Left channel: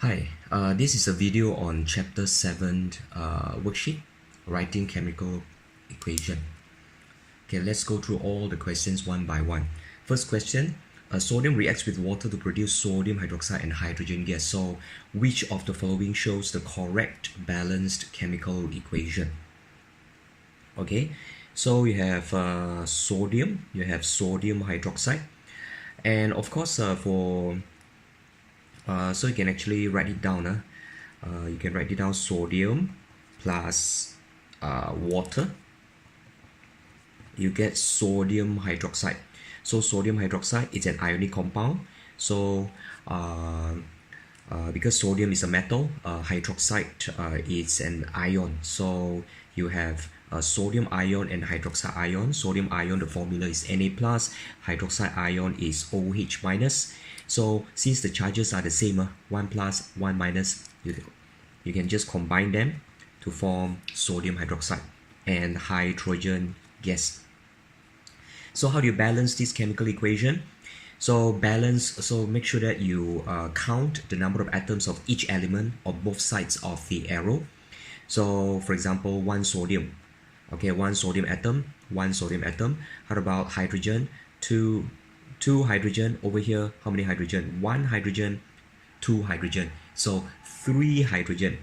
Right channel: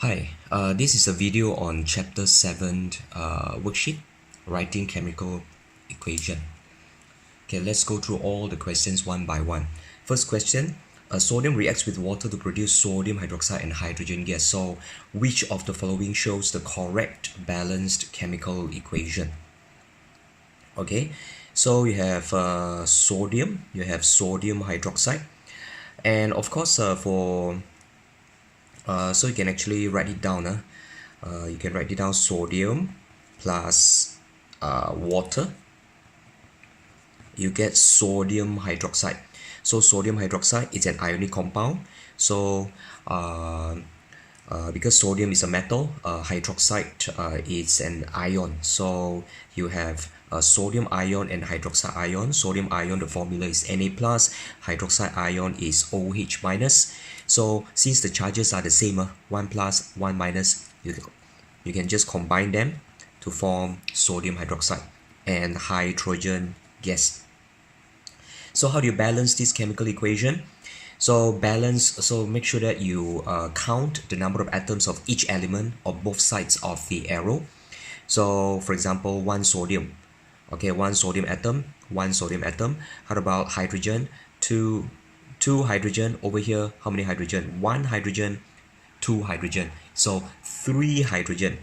Hi, this is a video on Chapter 7 worksheet, Writing Chemical Equation. Okay, let's go through all the questions one by one. First question, sodium reacts with water to produce sodium hydroxide and hydrogen gas. So, which of the following shows the correct balanced chemical equation? Okay, so you have sodium hydroxide, and of course so you can actually write it down. You can write it down sodium plus water. You get sodium hydroxide. So sodium hydroxide is an ionic compound. So because sodium is a metal, hydroxide is an ion. So you have sodium ion and hydroxide ion. Sodium ion, the formula is Na plus. Hydroxide ion is OH minus. So since the charges are the same, 1 plus, 1 minus, you can just combine them to form sodium hydroxide and hydrogen gas. So how do you balance this chemical equation? So make sure that you count the number of atoms of each element on both sides of the arrow. So for example, one sodium atom. How about hydrogen? Two hydrogen. Over here, how many hydrogen? One hydrogen, two hydrogen. So 3 hydrogen.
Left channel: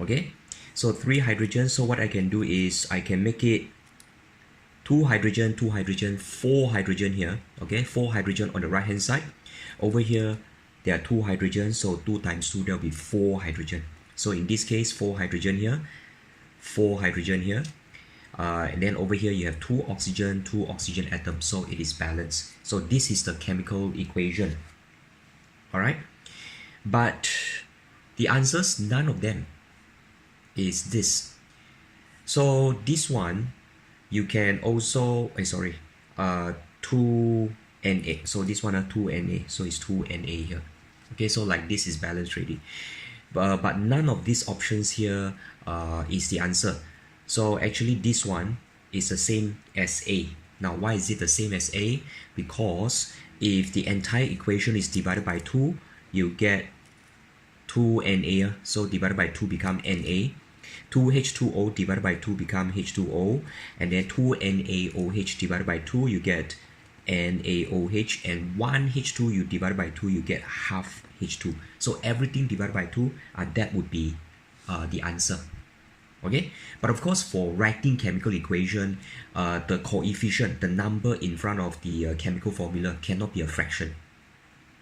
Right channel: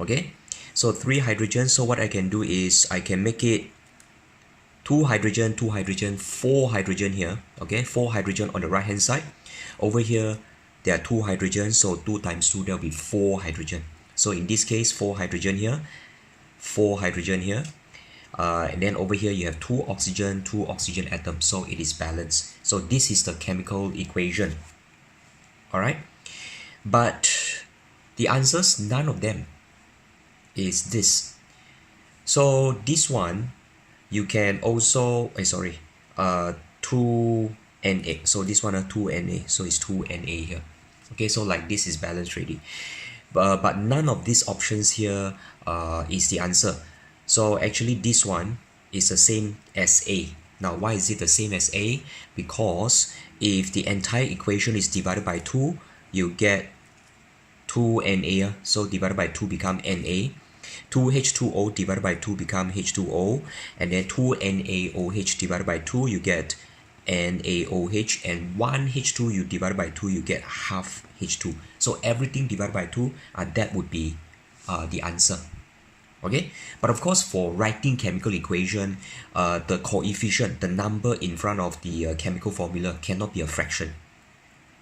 Okay, so 3 hydrogen. So what I can do is I can make it 2 hydrogen, 4 hydrogen here. Okay, 4 hydrogen on the right hand side. Over here, there are 2 hydrogen, so 2 times 2, there will be 4 hydrogen. So in this case, 4 hydrogen here, 4 hydrogen here. And then over here you have 2 oxygen atoms, so it is balanced. So this is the chemical equation. Alright, but the answers, none of them is this. So this one you can also 2 Na. So this one 2 Na, so it's 2 Na here. Okay, so like this is balanced already, but none of these options here is the answer. So actually this one is the same as A. Now why is it the same as A? Because if the entire equation is divided by 2, you get 2 Na, so divided by 2 become Na. 2H2O divided by 2 become H2O, and then 2 NaOH divided by 2 you get NaOH, and 1 H2 you divide by 2 you get half H2. So everything divided by 2, that would be the answer. Okay, but of course for writing chemical equation, the coefficient, the number in front of the chemical formula cannot be a fraction.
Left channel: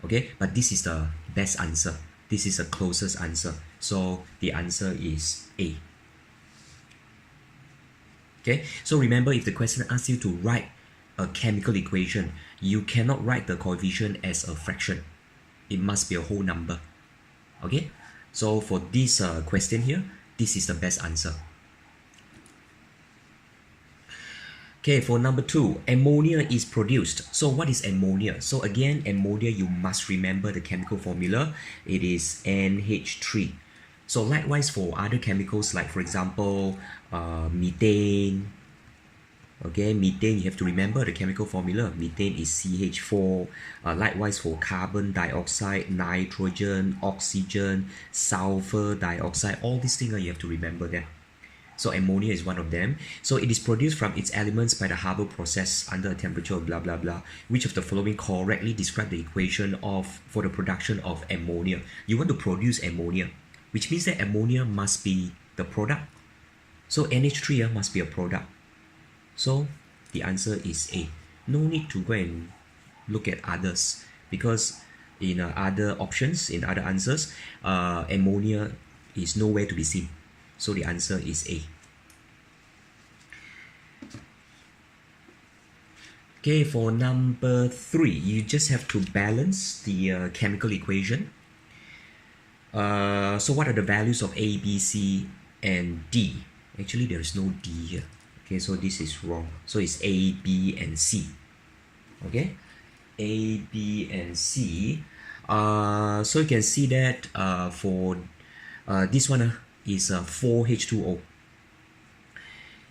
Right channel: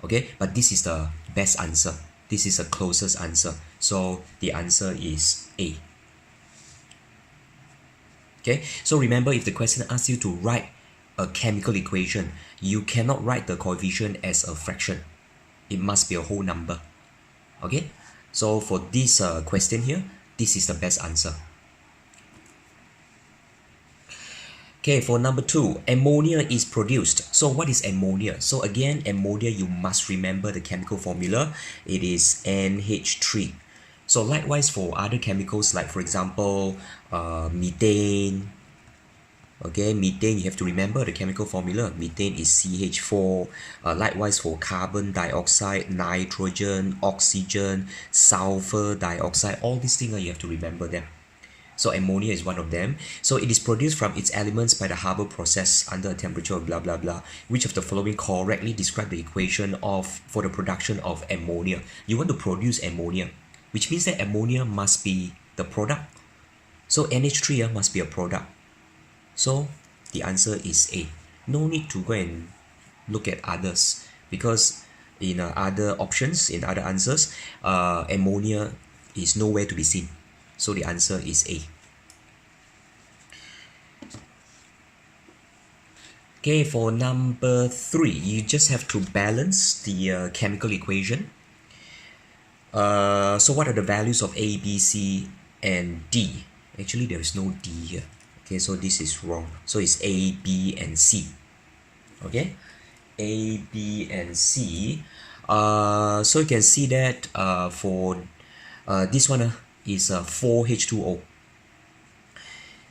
Okay, but this is the best answer. This is the closest answer. So the answer is A. Okay, so remember, if the question asks you to write a chemical equation, you cannot write the coefficient as a fraction. It must be a whole number. Okay, so for this question here, this is the best answer. Okay, for number 2, ammonia is produced. So what is ammonia? So again, ammonia, you must remember the chemical formula. It is NH3. So likewise for other chemicals, like for example, methane. Okay, methane, you have to remember the chemical formula. Methane is CH4. Likewise for carbon dioxide, nitrogen, oxygen, sulfur dioxide, all these things you have to remember them. So ammonia is one of them. So it is produced from its elements by the Haber process under a temperature of blah blah blah. Which of the following correctly describe the equation for the production of ammonia? You want to produce ammonia, which means that ammonia must be the product. So NH3 must be a product. So the answer is A. No need to go and look at others, because in other options, in other answers, ammonia is nowhere to be seen. So the answer is A. Okay, for number 3, you just have to balance the chemical equation. So what are the values of A, B, C, and D? Actually, there is no D here. Okay, so this is wrong. So it's A, B, and C. Okay, A, B, and C. So you can see that for this one is 4H2O.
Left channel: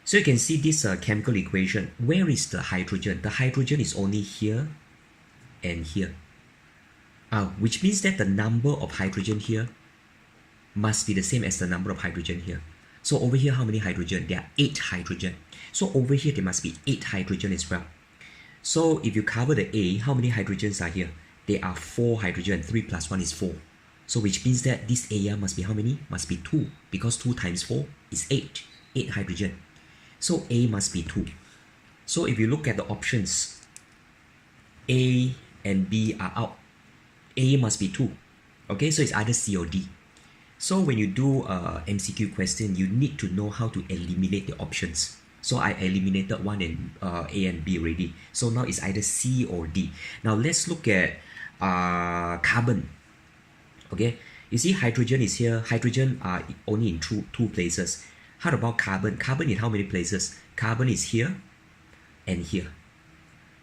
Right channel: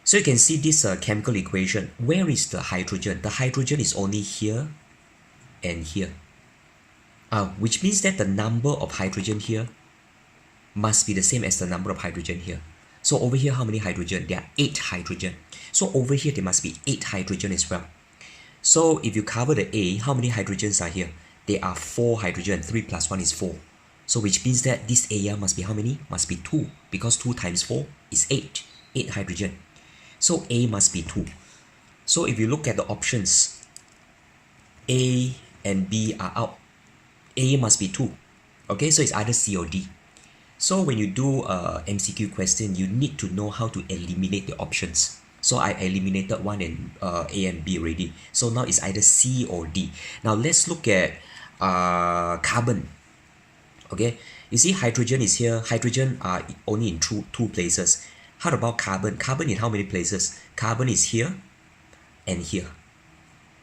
So you can see this chemical equation. Where is the hydrogen? The hydrogen is only here and here. which means that the number of hydrogen here must be the same as the number of hydrogen here. So over here, how many hydrogen? There are 8 hydrogen. So over here, there must be 8 hydrogen as well. So if you cover the A, how many hydrogens are here? There are 4 hydrogen. 3 plus 1 is 4. So which means that this area must be how many? Must be 2, because 2 times 4 is 8. 8 hydrogen. So A must be 2. So if you look at the options, A and B are out. A must be 2. Okay, so it's either C or D. So when you do a MCQ question, you need to know how to eliminate the options. So I eliminated one and A and B already. So now it's either C or D. Now let's look at carbon. Okay, you see hydrogen is here. Hydrogen are only in two places. How about carbon? Carbon in how many places? Carbon is here and here.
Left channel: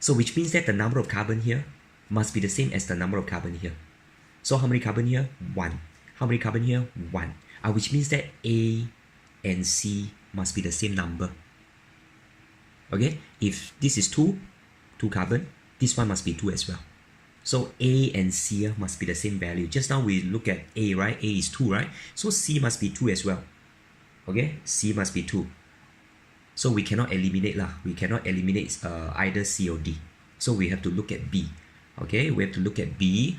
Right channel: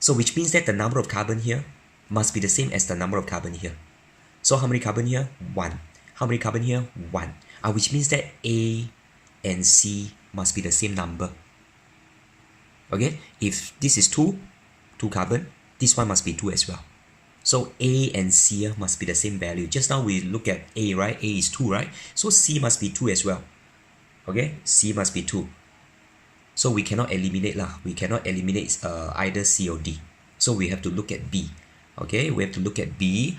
So which means that the number of carbon here must be the same as the number of carbon here. So how many carbon here? 1. How many carbon here? 1. Which means that A and C must be the same number. Okay, if this is 2 carbon, this one must be 2 as well. So A and C must be the same value. Just now we look at A, right? A is 2, right? So C must be 2 as well. Okay, C must be 2. So we cannot eliminate lah. We cannot eliminate either C or D. So we have to look at B. Okay, we have to look at B.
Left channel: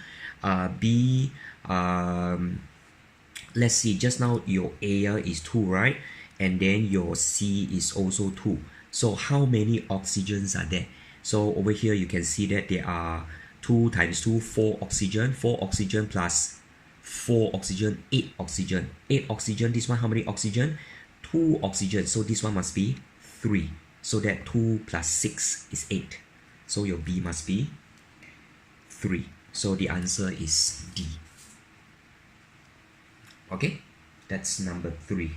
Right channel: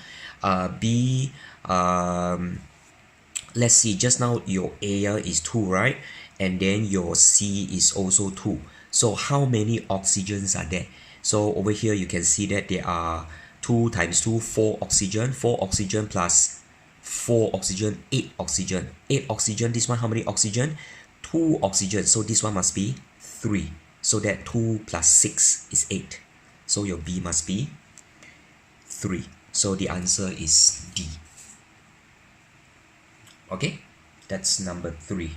Let's see, just now your A is 2, right? And then your C is also 2. So how many oxygens are there? So over here you can see that there are 2 times 2, 4 oxygen. 4 oxygen plus 4 oxygen, 8 oxygen. 8 oxygen, this one how many oxygen? 2 oxygen. So this one must be 3. So that 2 plus 6 is 8. So your B must be 3. So the answer is D. Okay, that's number 3.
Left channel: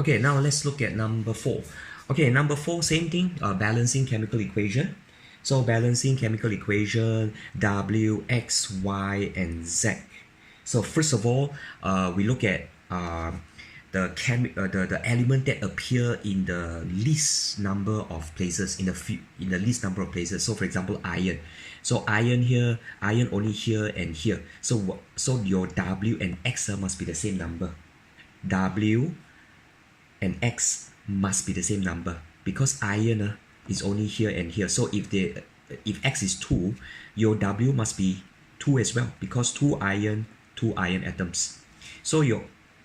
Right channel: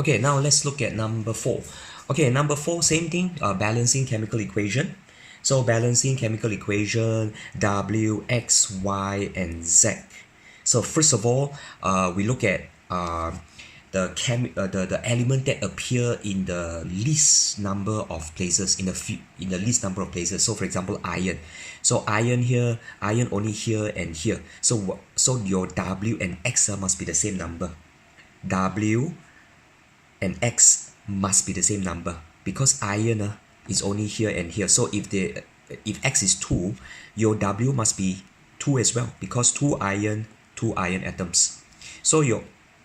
Okay, now let's look at number 4. Okay, number 4, same thing, balancing chemical equation. So balancing chemical equation, W, X, Y, and Z. So first of all, we look at the element that appear in the least number of places, in the least number of places. So for example, iron. So iron here, iron only here and here. So your W and X must be the same number. W and X must be the same number, because iron is only here and here. So if X is 2, your W must be 2 as well, because 2 iron atoms. So your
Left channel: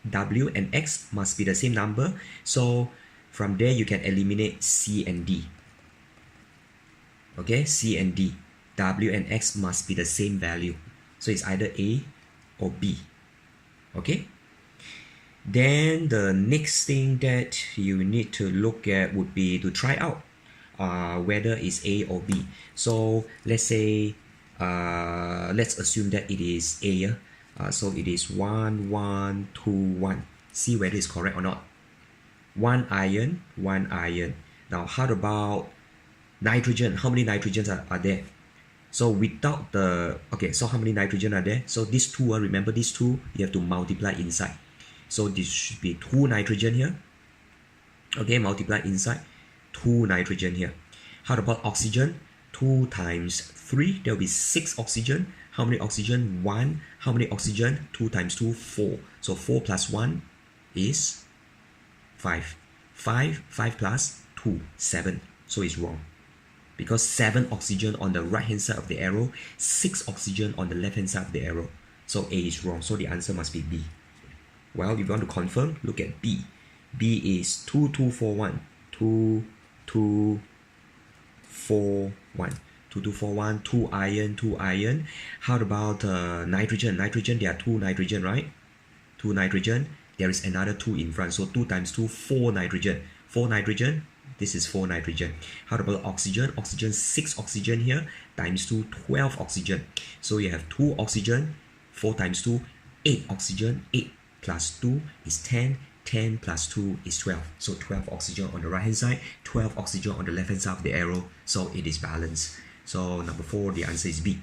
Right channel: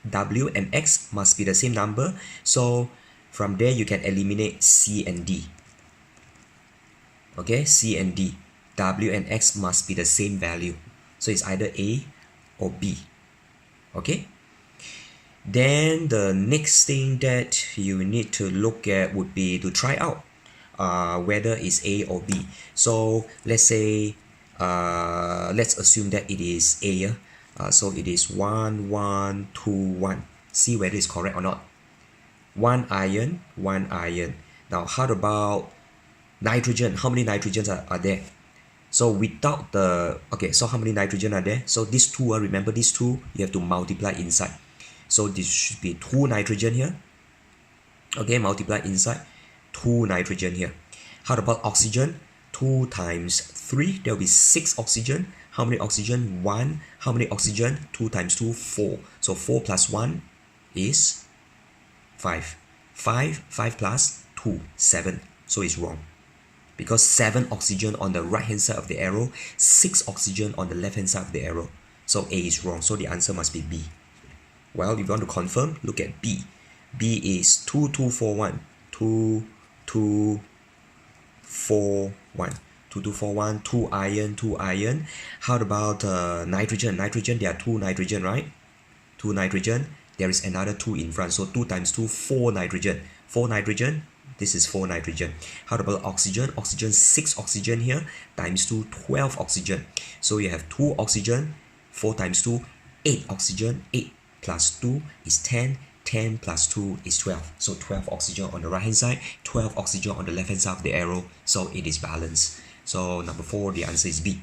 W and X must be the same number. So from there you can eliminate C and D. Okay, C and D. W and X must be the same value. So it's either A or B. Okay. Then the next thing that you need to look at would be to try out whether it's A or B. So let's say, let's assume that it is A. So it is 1, 1, 2, 1. See whether it's correct or not. 1 iron, 1 iron. Now how about nitrogen? How many nitrogens are there? So without the, okay, so how many nitrogen are there? So these 2, remember these 2, you have to multiply inside. So this should be 2 nitrogen here. Okay, multiply inside 2 nitrogen here. How about oxygen? 2 times 3, there will be 6 oxygen. How many oxygen? 1. How many oxygen? 2 times 2, 4. So 4 plus 1 is 5. 5 plus 2, 7. So it's wrong, because 7 oxygen on the right hand side of the arrow, 6 oxygen on the left hand side of the arrow. So A is wrong. So the answer must be B. Well, if you want to confirm, look at B. B is 2, 2, 4, 1. 2, 2, 4, 1. 2, 2, 4, 1. 2 iron, 2 iron. How about nitrogen? Nitrogen, there are 2 nitrogen, right? 2 nitrogen. There is another 2 in front. So 2 times 2, 4 nitrogen. 4 nitrogen. This is 4 nitrogen. How about oxygen? Oxygen, 6 oxygen here. Times 2, 12 oxygen. So you have 2 oxygen. 4 times 2, 8 oxygen. 8 plus 2 is 10. 10 plus 2 is 12. So 12 oxygen on the right hand side, 12 oxygen on the left hand side of the arrow. So it is balanced. So number 4, the answer is B.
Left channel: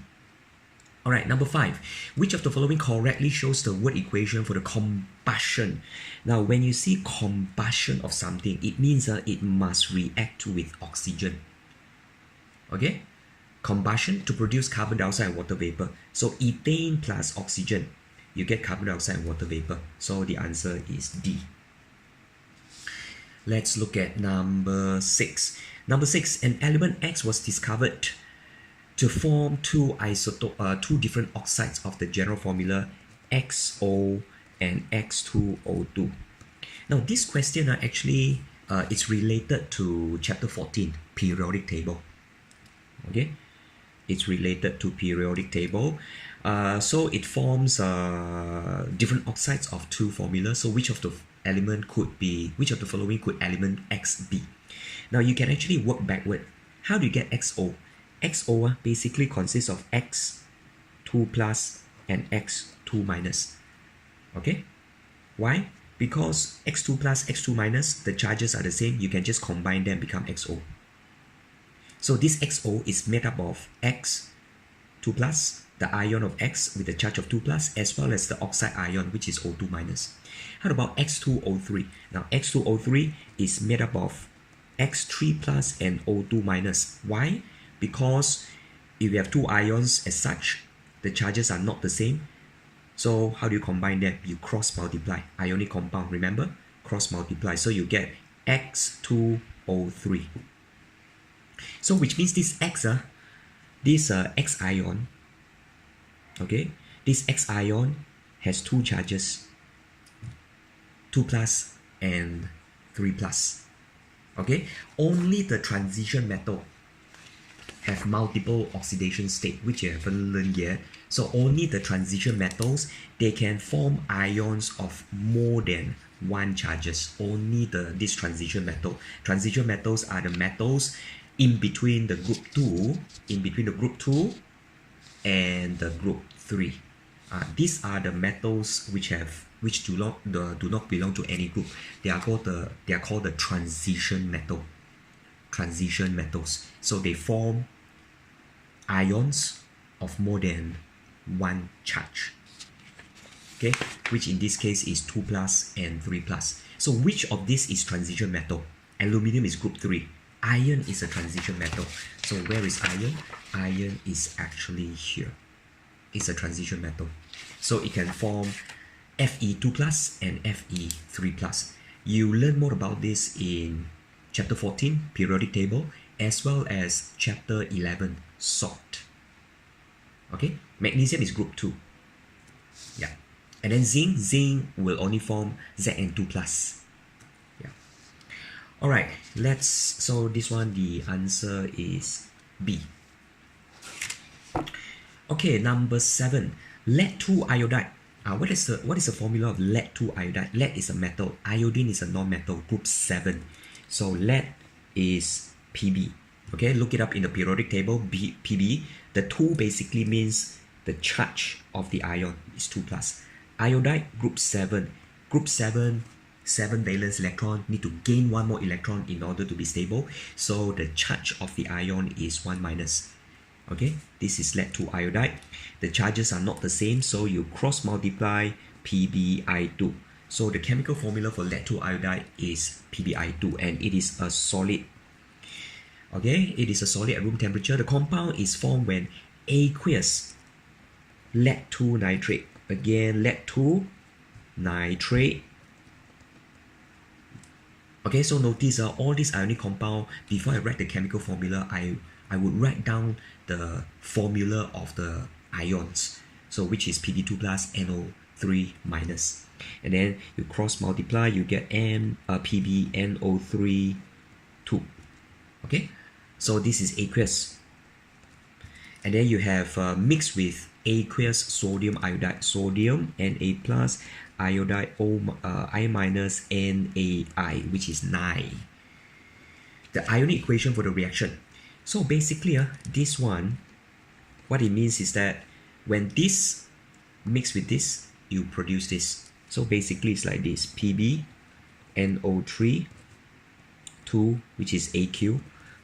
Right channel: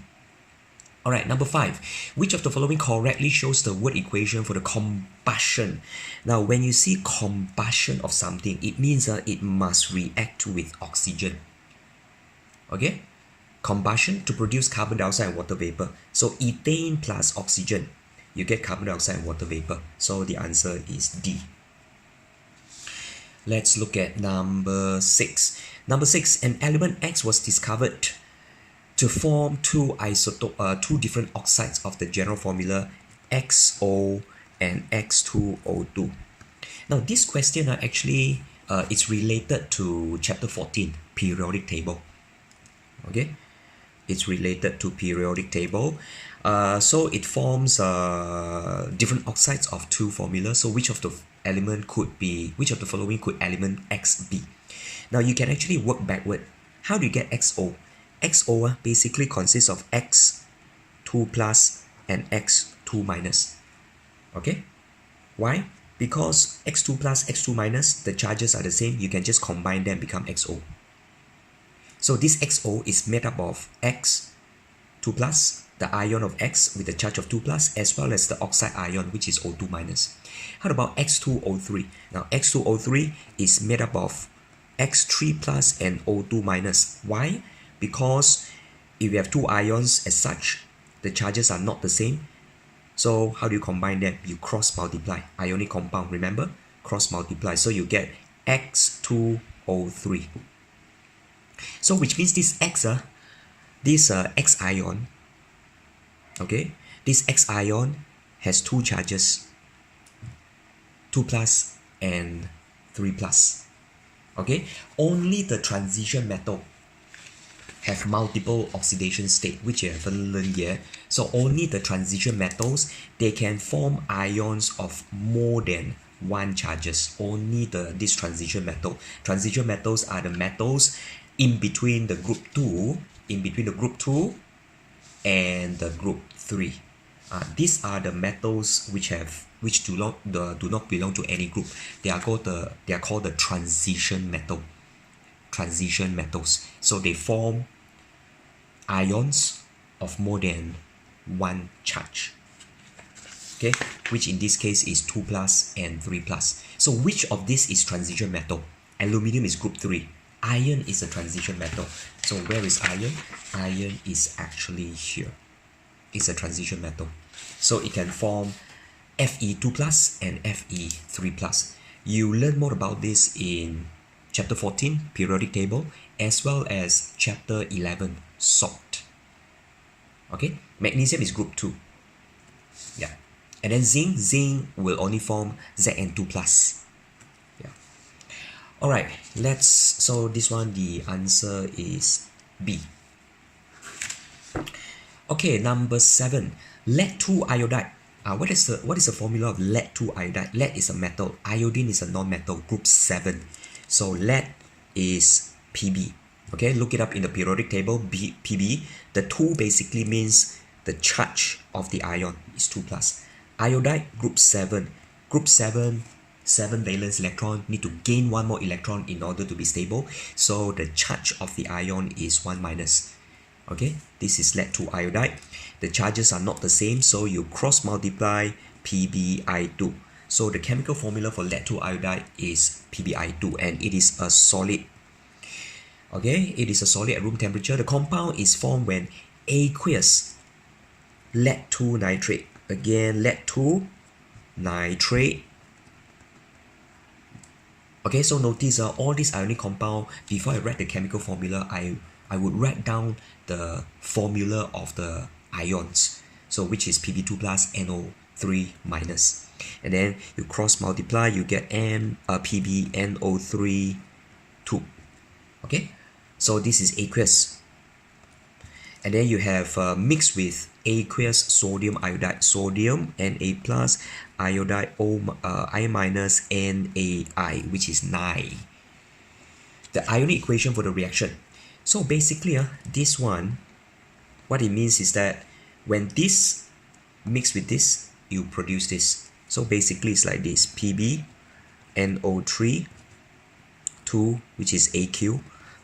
Alright, number 5. Which of the following correctly shows the word equation for the combustion? Now, when you see combustion of something, it means it must react with oxygen. Okay? Combustion to produce carbon dioxide and water vapor. So, ethane plus oxygen, you get carbon dioxide and water vapor. So, the answer is D. Let's look at number 6. Number 6, an element X was discovered to form two different oxides of the general formula XO and X2O2. Now this question actually it's related to chapter 14, periodic table. Okay, it's related to periodic table. So it forms different oxides of two formulas. So which of the following could element X be? Now you can actually work backward. How do you get XO? XO basically consists of X2 plus and X2 minus. Okay? Why? Because X2 plus, X2 minus, the charges are the same. You can just combine them, become XO. So this XO is made up of X2 plus, the ion of X with the charge of 2 plus, as well as the oxide ion, which is O2 minus. How about X2O3? Now X2O3 is made up of X3 plus and O2 minus. Why? Because if you have two ions as such, the charges are not the same. So how do you combine them? You cross multiply. Ionic compound, remember? Cross multiply. So you get X2O3. So which means this X ion, okay, this X ion has two charges, 2 plus and 3 plus. Okay, only the transition metal have multiple oxidation state, which you haven't learned yet. So only the transition metals, they can form ions of more than one charges. Only this transition metal. Transition metals are the metals in between the group 2, and the group 3. These are the metals which do not belong to any group. They are called the transition metal. Transition metals. So they form ions of more than one charge. Okay, which in this case is 2 plus and 3 plus. So which of this is transition metal? Aluminium is group 3. Iron is a transition metal. So where is iron? Iron is actually here. It's a transition metal. So it can form Fe2 plus and Fe3 plus. You learn more about this in chapter 14, periodic table, as well as chapter 11, salt. Okay, magnesium is group 2. Yeah, and then zinc will only form Zn2 plus. Yeah. All right, so this one, the answer is B. Okay, number 7, lead-2 iodide. What is the formula of lead-2 iodide? Lead is a metal, iodine is a non-metal, group 7. So lead is Pb. Okay, look it up in the periodic table, Pb. The 2 basically means the charge of the ion is 2 plus. Iodide, group 7. Group 7, 7 valence electron, need to gain 1 more electron in order to be stable. So the charge of the ion is 1 minus. Okay, this is lead-2 iodide. The charges are not the same, so you cross multiply PbI2. So the chemical formula for lead-2 iodide is PbI2, and it is a solid. Okay, it is a solid at room temperature. The compound is formed when aqueous lead-2 nitrate. Again, lead-2 nitrate. Okay, so notice all these ionic compound, before I write the chemical formula, I would write down the formula of the ions. So which is Pb2 plus NO3 minus. And then you cross multiply, you get PbNO3 2. Okay, so this is aqueous. And then you have mixed with aqueous sodium iodide, sodium Na plus, iodide I minus NaI, which is 9. The ionic equation for the reaction. So basically, this one, what it means is that when this mix with this, you produce this. So basically, it's like this: PbNO3 2, which is AQ,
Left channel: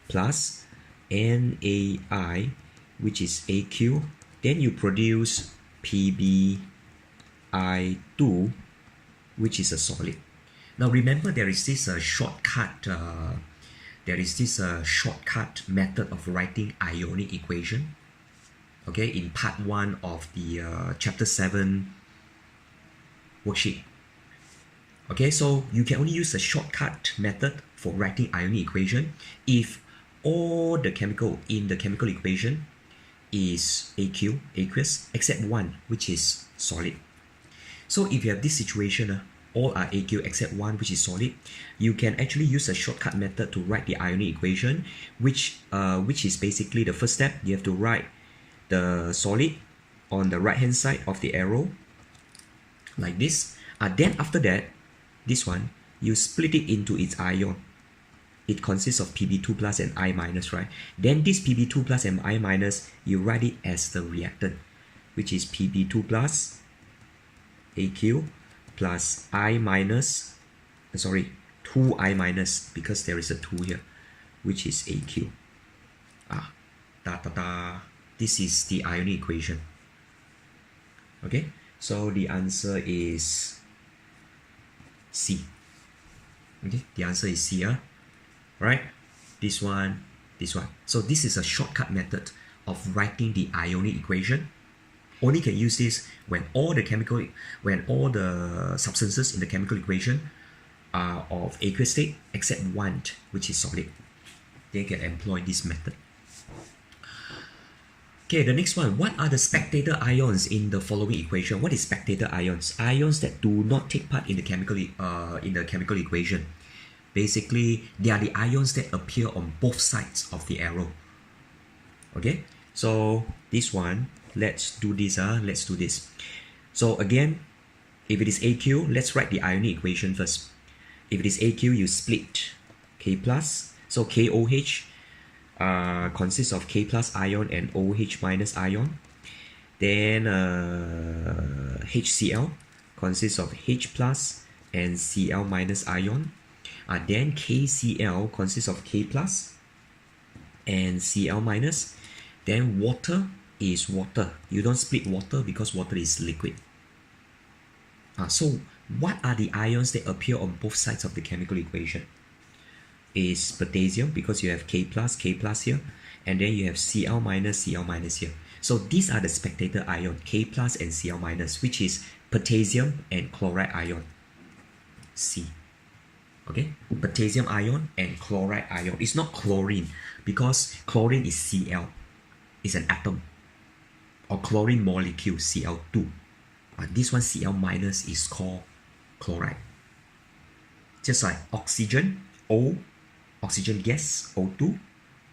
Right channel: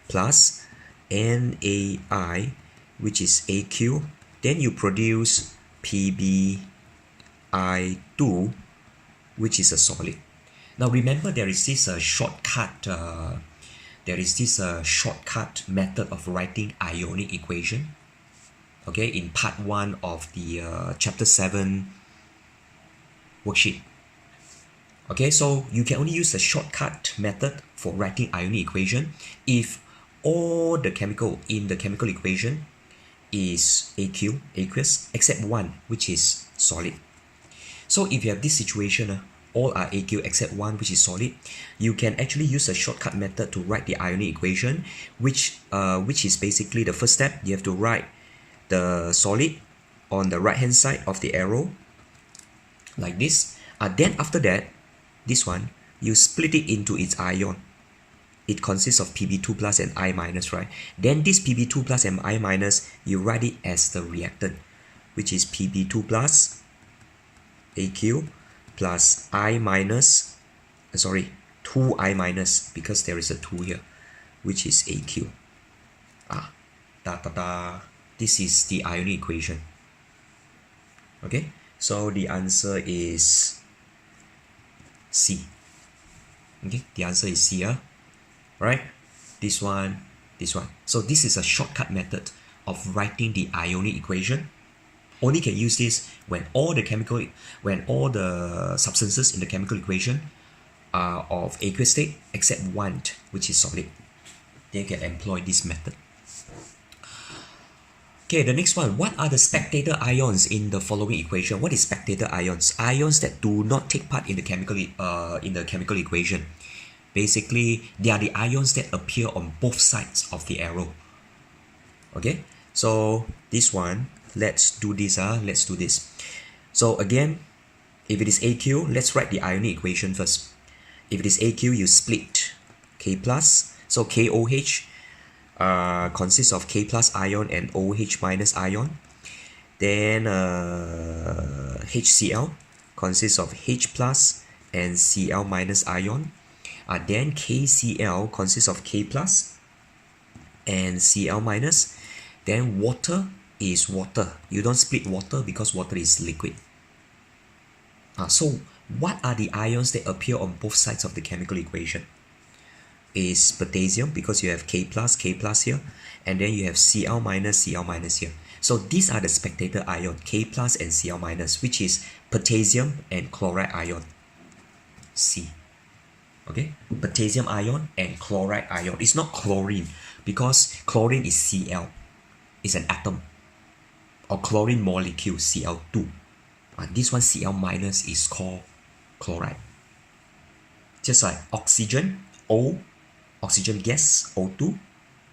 plus NaI, which is AQ, then you produce PbI2, which is a solid. Now remember, there is this shortcut method of writing ionic equation, okay, in part 1 of the chapter 7 worksheet. Okay, so you can only use a shortcut method for writing ionic equation if all the chemical in the chemical equation is aqueous, except one, which is solid. So if you have this situation, all are aqueous except one, which is solid, you can actually use a shortcut method to write the ionic equation, which is basically the first step. You have to write the solid on the right hand side of the arrow like this. Then after that, this one, you split it into its ion. It consists of Pb2 plus and I minus, right? Then this Pb2 plus and I minus, you write it as the reactant, which is Pb2 plus Aq plus I minus, 2I minus, because there is a 2 here, which is Aq. This is the ionic equation. Okay, so the answer is C. Okay, the answer is C. Right? This one. So this is a shortcut method of writing the ionic equation. Only can use this when all the substances in the chemical equation are of aqueous state except one, which is solid. They can employ this method. Okay, the next one. What are the spectator ions in the following equation? What is spectator ions? Ions that do not take part in the chemical equation. Basically, they are the ions that appear on both sides of the arrow. Okay, so this one, let's do this. So again, if it is AQ, let's write the ionic equation first. If it is AQ, you split K plus. So KOH consists of K plus ion and OH minus ion. Then HCl consists of H plus and Cl minus ion. Then KCl consists of K plus and Cl minus. Then water is water. You don't split water because water is liquid. So what are the ions that appear on both sides of the chemical equation? Is potassium, because you have K plus here, and then you have Cl minus here. So these are the spectator ion, K plus and Cl minus, which is potassium and chloride ion, C. Okay, potassium ion and chloride ion. It's not chlorine, because chlorine is Cl, it's an atom, or chlorine molecule, Cl2. This one, Cl minus, is called chloride. Just like oxygen, O, oxygen gas, O2,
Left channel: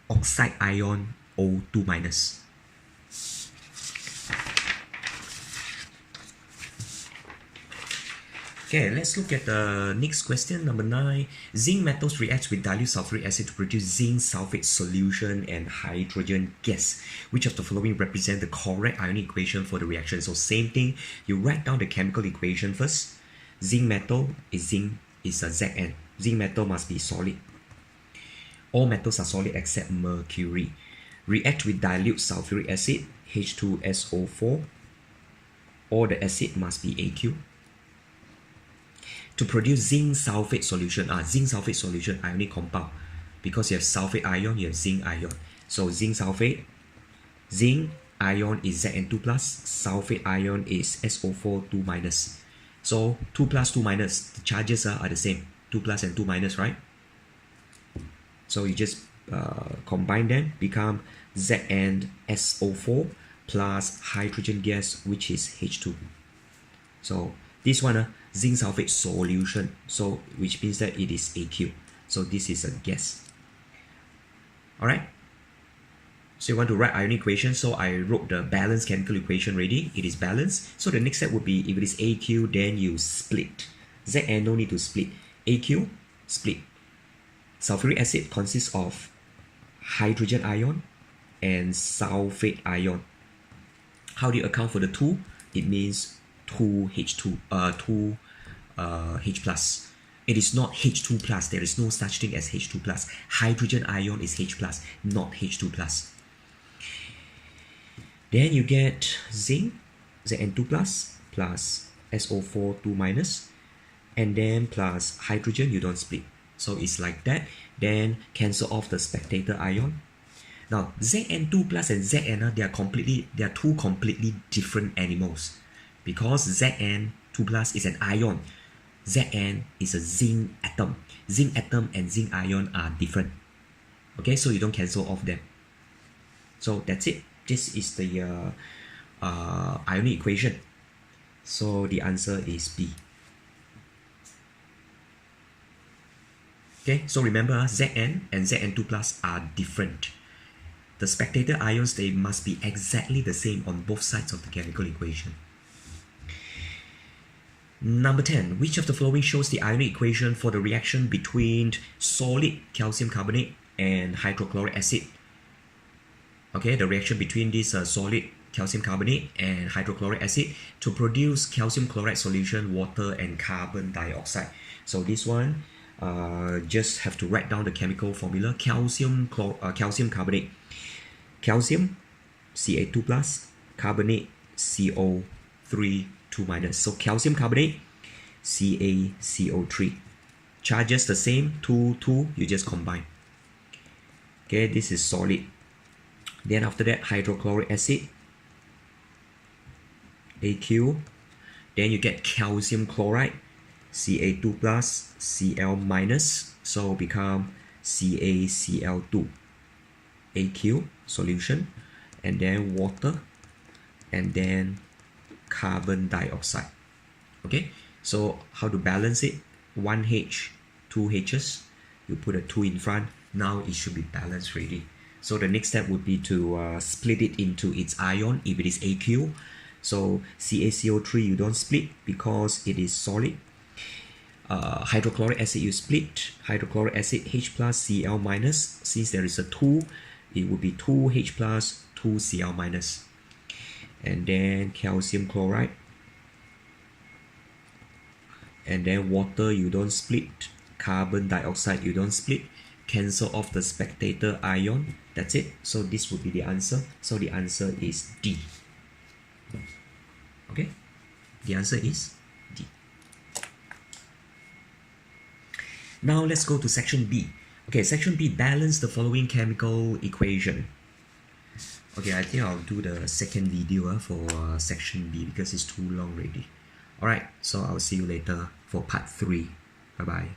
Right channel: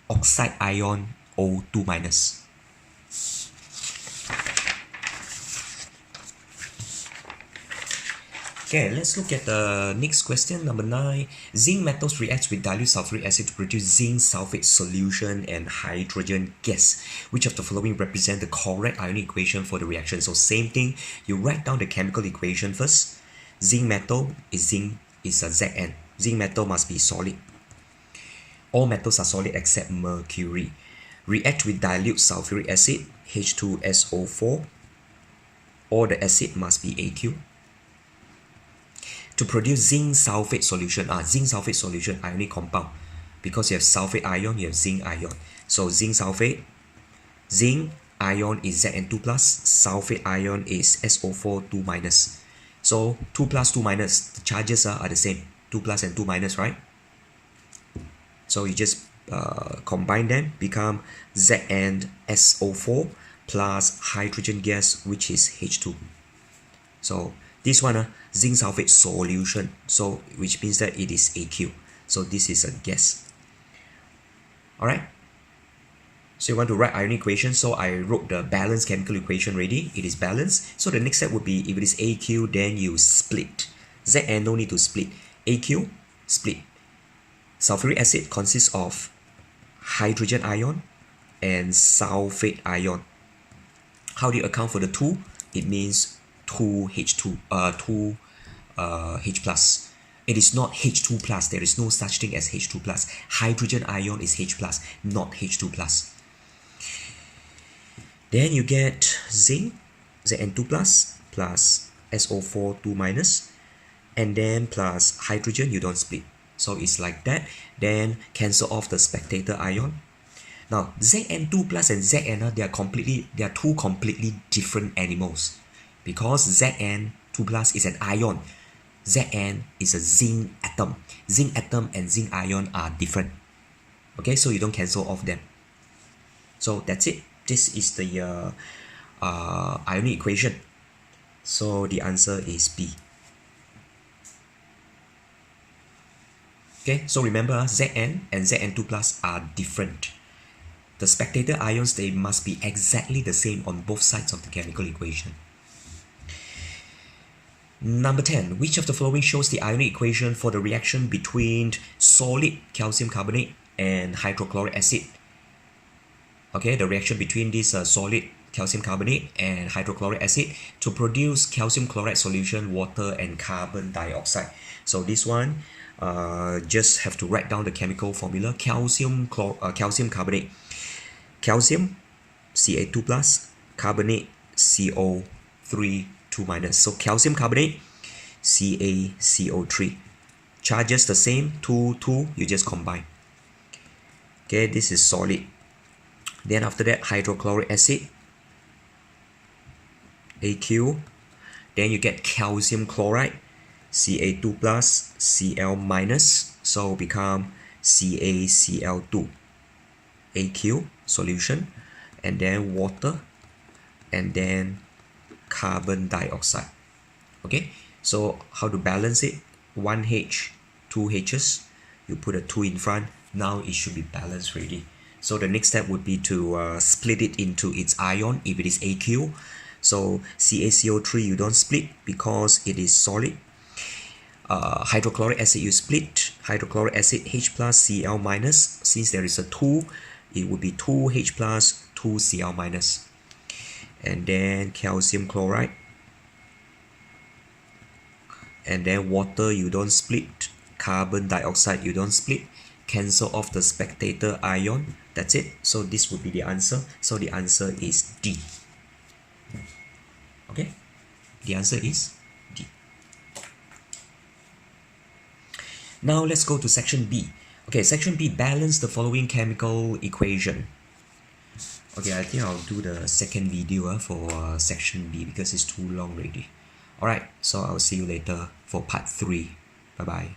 oxide ion, O2 minus. Okay, let's look at the next question, number 9. Zinc metals react with dilute sulfuric acid to produce zinc sulfate solution and hydrogen gas. Which of the following represent the correct ionic equation for the reaction? So same thing, you write down the chemical equation first. Zinc metal is a Zn. Zinc metal must be solid. All metals are solid except mercury. React with dilute sulfuric acid, H2SO4. All the acid must be Aq. To produce zinc sulfate solution, ionic compound. Because you have sulfate ion, you have zinc ion. So zinc sulfate, zinc ion is Zn2 plus, sulfate ion is SO4 2 minus. So 2 plus 2 minus, the charges are the same. 2 plus and 2 minus, right? So you just combine them, become ZnSO4 plus hydrogen gas, which is H2. So this one, zinc sulfate solution, so which means that it is Aq. So this is a gas. Alright. So you want to write ionic equation. So I wrote the balanced chemical equation already. It is balanced. So the next step would be, if it is Aq, then you split. Zn no need to split. Aq, split. Sulfuric acid consists of hydrogen ion and sulfate ion. How do you account for the 2? It means 2H2, 2 H plus. It is not H2 plus. There is no such thing as H2 plus. Hydrogen ion is H plus, not H2 plus. Then you get zinc, Zn2 plus SO4 2 minus, and then plus hydrogen, you don't split. So it's like that. Then cancel off the spectator ion. Now Zn2 plus and Zn, they are two completely different animals, because Zn2 plus is an ion. Zn is a zinc atom. Zinc atom and zinc ion are different. Okay, so you don't cancel off them. So that's it. This is the ionic equation. So the answer is B. Okay, so remember Zn and Zn2 plus are different. The spectator ions, they must be exactly the same on both sides of the chemical equation. Number 10. Which of the following shows the ionic equation for the reaction between solid calcium carbonate and hydrochloric acid? Okay, the reaction between this solid calcium carbonate and hydrochloric acid to produce calcium chloride solution, water, and carbon dioxide. So this one, just have to write down the chemical formula. Calcium carbonate. Calcium, Ca2 plus, carbonate, CO3 2 minus. So calcium carbonate, CaCO3. Charges the same, 2, you just combine. Okay, this is solid. Then after that, hydrochloric acid, AQ. Then you get calcium chloride, Ca2 plus, Cl minus. So become CaCl2. AQ solution, and then water, and then carbon dioxide. Okay, so how to balance it? 1H, 2 H's, you put a 2 in front. Now it should be balanced already. So the next step would be to split it into its ion if it is AQ. So CaCO3 you don't split because it is solid. Hydrochloric acid you split. Hydrochloric acid H plus Cl minus. Since there is a 2, it would be 2H plus 2Cl minus. And then calcium chloride. And then water you don't split. Carbon dioxide you don't split. Cancel off the spectator ion. That's it. So this would be the answer. So the answer is D. Okay? The answer is D. Now let's go to section B. Okay, section B, balance the following chemical equation. Okay, I think I'll do the second video for section B because it's too long already. Alright, so I'll see you later for part 3. Bye-bye.